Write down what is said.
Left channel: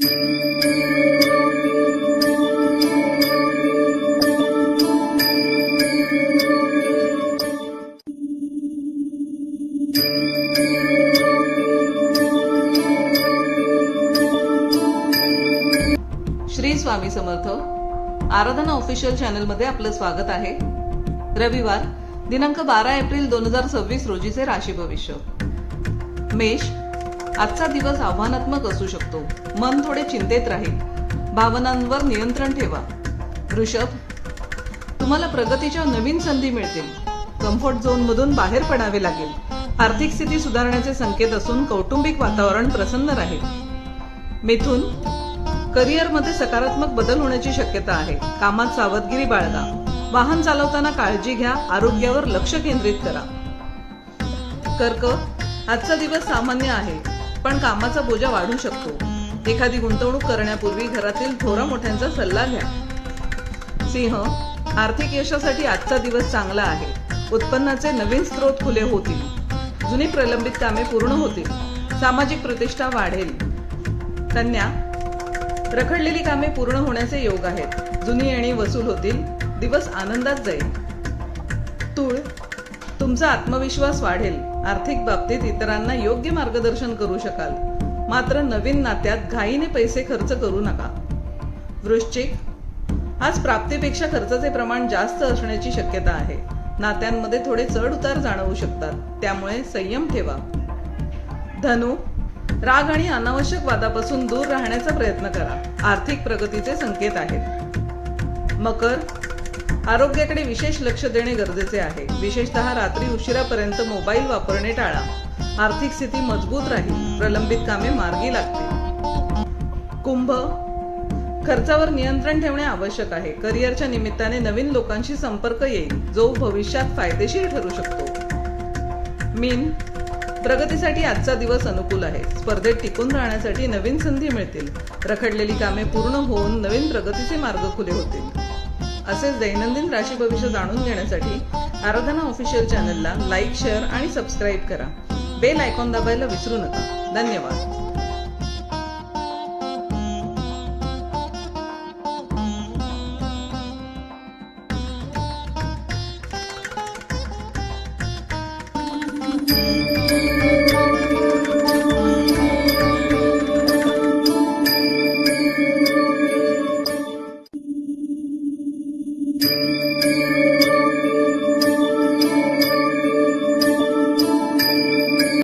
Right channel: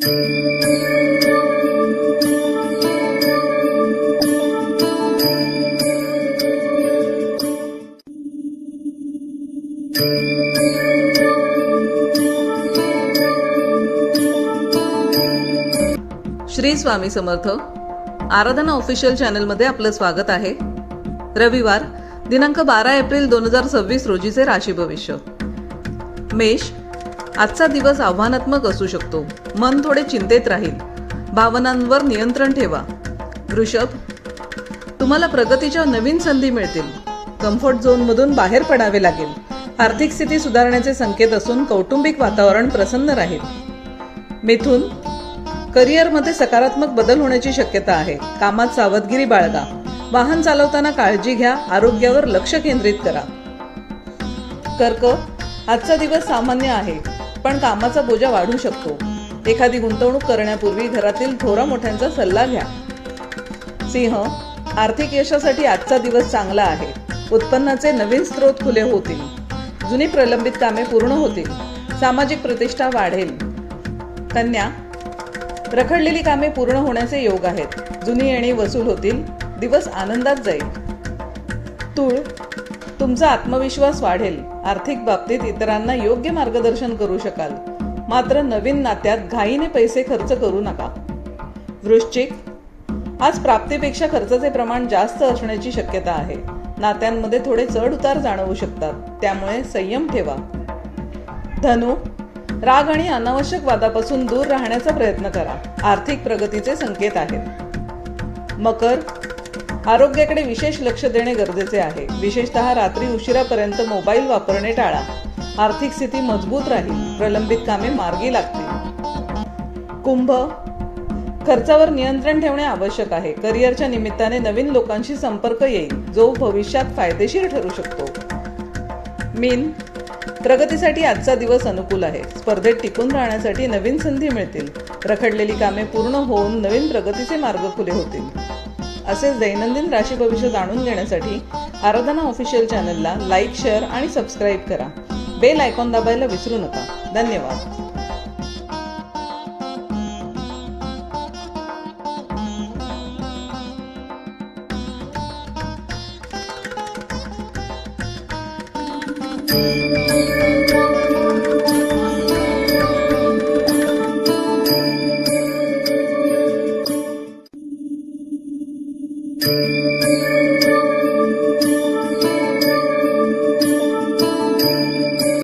श्री स्वामी समर्थ. आराधना official चॅनलमध्ये आपलं स्वागत आहे. रविवार दिनांक 12 एप्रिल 2026 रोजीचे राशी भविष्य. मेष, आजचा दिवस आव्हानात्मक असू शकतो. मन थोडे चिंतेत राहील. भावनांवर नियंत्रण ठेवा. वृषभ, तुम्हाला प्रगतीच्या नवीन संधी मिळतील. कम्फर्ट झोनमधून बाहेर पडावे लागेल. आर्थिक स्थिती सुधारण्याचे संकेत असून कौटुंबिक वातावरण प्रसन्न राहील. मिथुन, करिअरमध्ये सकारात्मक बदल होण्याची शक्यता आहे. कामात सावधगिरी बाळगा. वाहन चालवताना काळजी घ्या. आरोग्यावर लक्ष केंद्रित करा. कर्क, आजचा दिवस सामान्य आहे, पण कामाचा बोजा वाढू शकतो. एखादी गुंतवणूक करण्यापूर्वी घरातील थोरा मोठ्यांचा सल्ला घ्या. सिंह, आर्थिक यशासाठी आजचा दिवस चांगला आहे. उत्पन्नाचे नवीन स्रोत खुले होतील. जुनी प्रलंबित कामे पूर्ण होतील. सामाजिक प्रतिष्ठा वाढेल. कन्या, रखडलेली कामे पूर्ण होण्याचे योग आहेत. जुनी येणी वसूल होतील. दिवस आनंदात जाईल. तूळ, तुमचा आत्मविश्वास वाढेल. आर्थिक बाबतीत इतरांना योग्य मार्गदर्शन करू शकाल. मात्र नवीन नात्यात घाईने पैसे खर्च करू नका. वृश्चिक, आज प्राप्तीपेक्षा खर्चाचे प्रमाण जास्त असण्याची शक्यता आहे. नात्यांमध्ये थोडे चढ उतार जाणवू शकतात, त्यामुळे संयम ठेवा. धनु, राग आणि अनावश्यक वादापासून दूर राहण्याचा प्रयत्न करा. आर्थिक प्रगतीचे संकेत आहेत. मकर, आरोग्याकडे विशेष लक्ष देणे गरजेचे आहे. विशेषतः रात्री उशिरापर्यंत मोबाईल वापरणे टाळा. आर्थिक स्थिती मजबूत राहील. प्रलंबित कामे मार्गी लागतील. कुंभ, खर्चावर नियंत्रण ठेवणे आवश्यक आहे. करिअरच्या निमित्ताने नवीन लोकांशी संपर्क येईल, जो भविष्यात फायदेशीर ठरू शकतो. मीन, प्रगतीसाठी आजचा दिवस अनुकूल आहे. स्पर्धेत टिकून राहण्यासाठी नवीन संधी मिळतील. रखडलेली कामे पूर्ण होऊन नवीन प्रगतीचे मार्ग खुले होतील. असेच दैनंदिन राशी भविष्य जाणून घेण्यासाठी आराधना ऑफिशियल चॅनलला लाईक, शेअर आणि सबस्क्राईब करा. बेल आयकॉन दाबायला विसरू नका. धन्यवाद.